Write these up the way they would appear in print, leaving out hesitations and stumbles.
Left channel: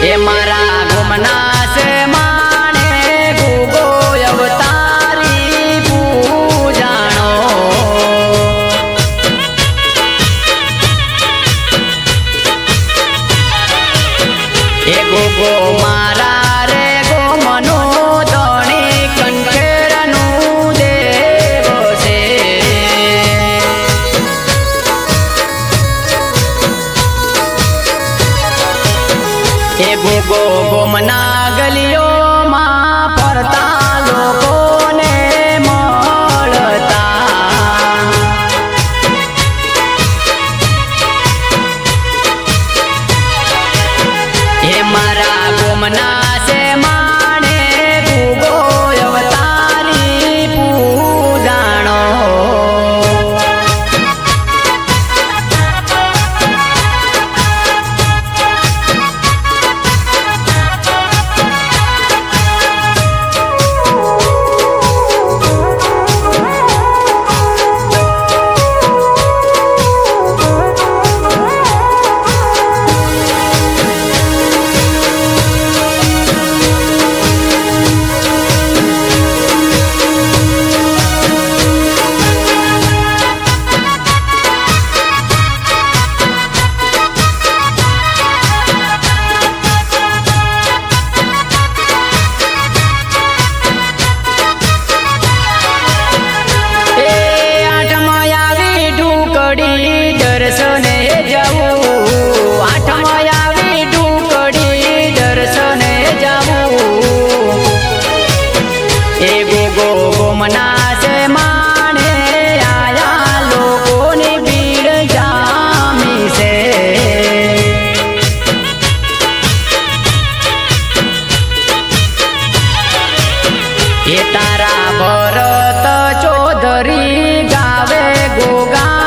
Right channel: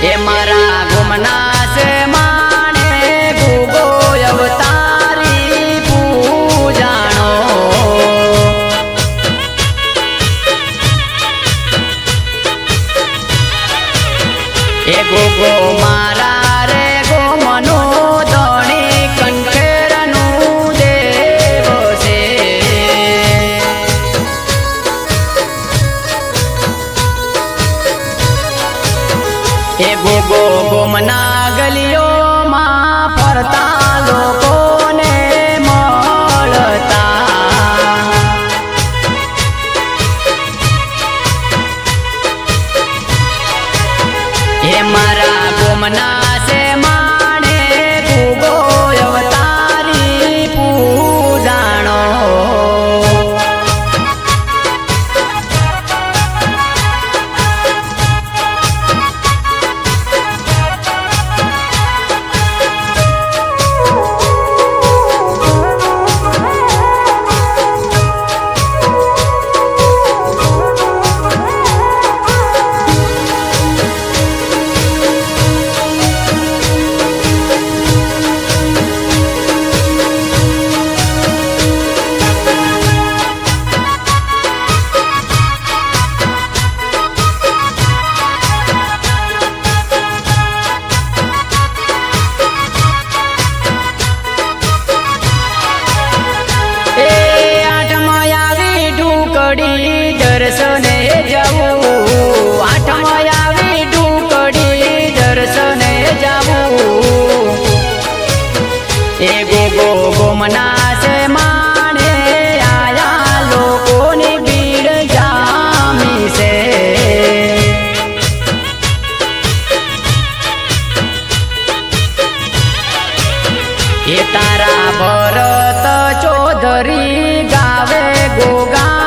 એ મારા ગુમના છે માણે ગુગો અવતારી પૂજાણો એ ગુગો મારા રે ગોમનો ધણી કંઠેરનું દેવ છે એ ગુગો ગોમના ગલીઓમાં ફરતા લોકોને મળતા એ મારા ગોમના છે માણે ગુગો અવતારી પૂજાણો દર્શને જાવું આઠમાં આવી ઢુકડી દર્શને જાવું એ ગોગો ગોમના છે માણે આયા લોકોની ભીડ જામી છે એ તારા ભરત ચૌધરી ગાવે ગોગાના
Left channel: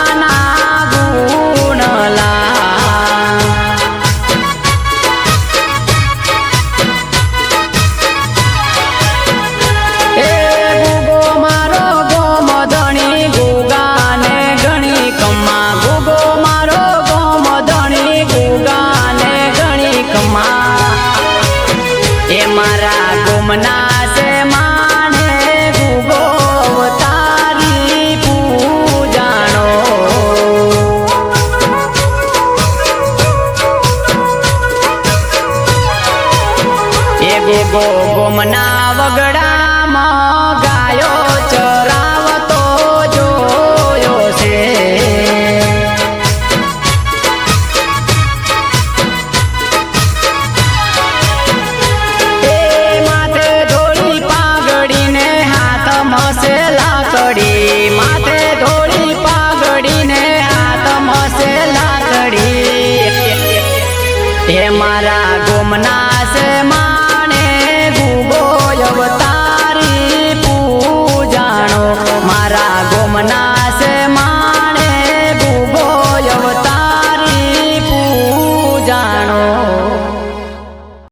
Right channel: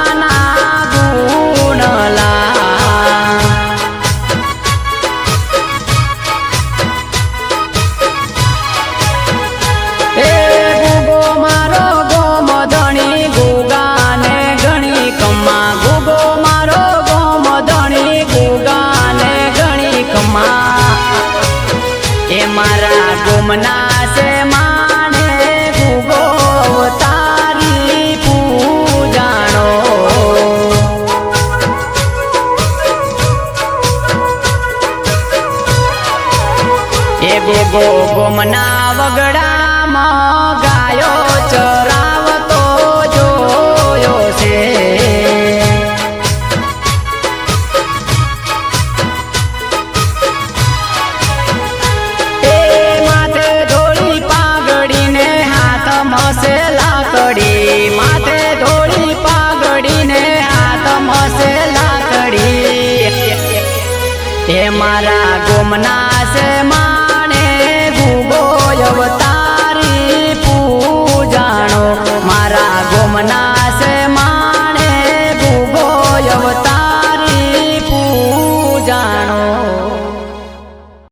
એ મારા ગુમના છે માણે ગુગો અવતારી પૂજાણો એ ગુગો ગોમના વગડામાં ગાયો ચરાવતો જોયો છે લાકડી માથે ધોળી પાઘડીને હાથમાં છે લાકડી એ મારા ગોમના છે માણે ગુગો અવતારી